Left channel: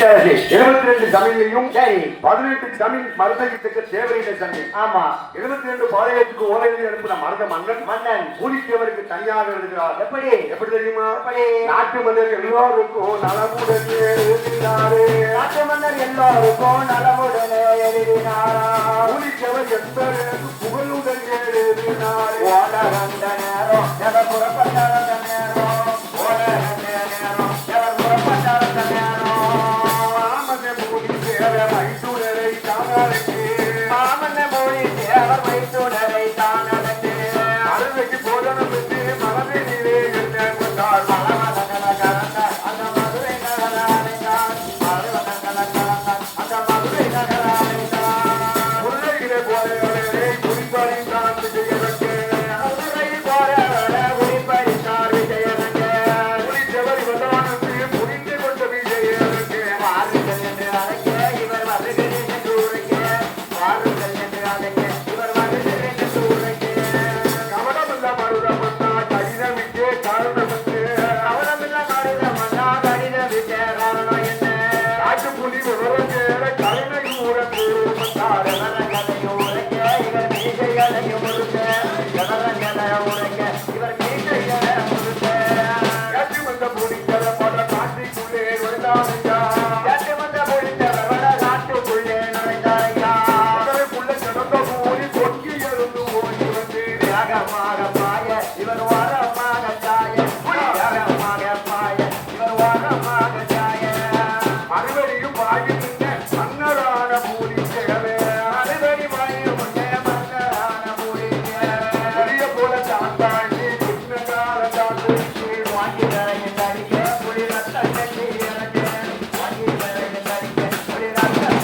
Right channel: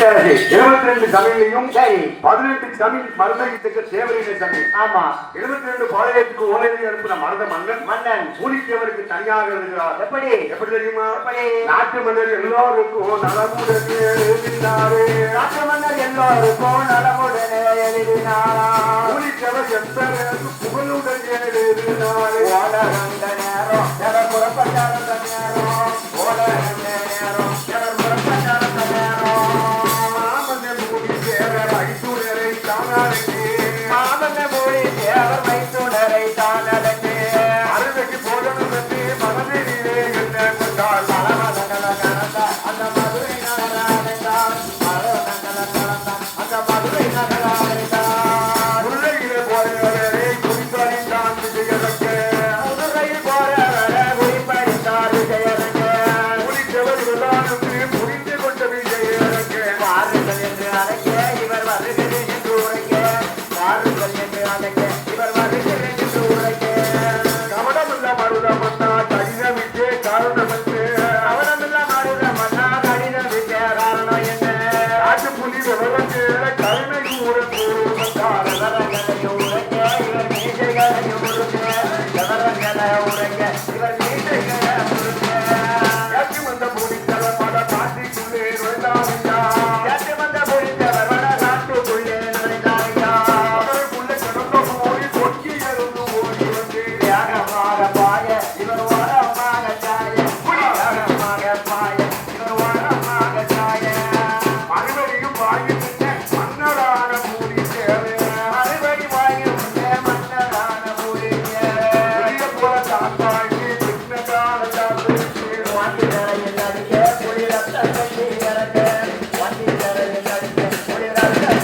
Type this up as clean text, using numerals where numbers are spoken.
72 தமிழையும் சரி 18 தமிழ் மருந்தகத்துக்கு தேவரின தமிழ். ஆமா 72 பாளையத்துக்கு ஓலையில் அனுப்பின மருத மன்னன் பூலித்தேவருக்கு தனியாக எழுதுகிறார். எப்படி தெரியுமா? நாட்டு மன்னர் எல்லாருக்கும் நலமுடனே எழுதினாரே. நாட்டு மன்னர் எல்லாருக்கும் நலமுடனே எழுதினாரா. பூலித்தேவர் என்பதற்கு புகழுடனே எழுதினாரே. ஓடகண்ட நேரம் எவர் புறப்பட்டார நேரம் ஓடகண்ட நேரம் எவர் புறப்பட்டார நேரம் மாமன்ன மொழி தேவர் வைத்துணரை தானதே அருளைக்கு போதனம் என்று மனதிலே கொண்டார். மலமதங்கள கலந்த அந்த மதுரை நகராண்டார். மலமதங்கள கலந்த அந்த மதுரை நகராண்டார். முல்லையிலே போறவரே குறிப்பறிந்தான் விஜயரங்கே. முதுகையில் போறவரே குறிப்பறிந்தார் விஜயரங்கே. புலித்தேவர் விதானத்தை புரிந்து கொண்ட விஜயரங்கே. வாருங்கள் என்று அழைக்க இவர் வருகிறேன் என்று உரைக்க. வாருங்கள் என்று அழைக்க இவர் வருகிறேன் என்று உரைக்க. கவனமில்ல மருதமன்னா கடிதமிட்டே காரணம் என்று. கவனமில்ல மருதமன்னா கடிதமிட்டே காரணம் என்ன. காட்டு புலி விவரத்தேர கலைஞர் ஊரத்து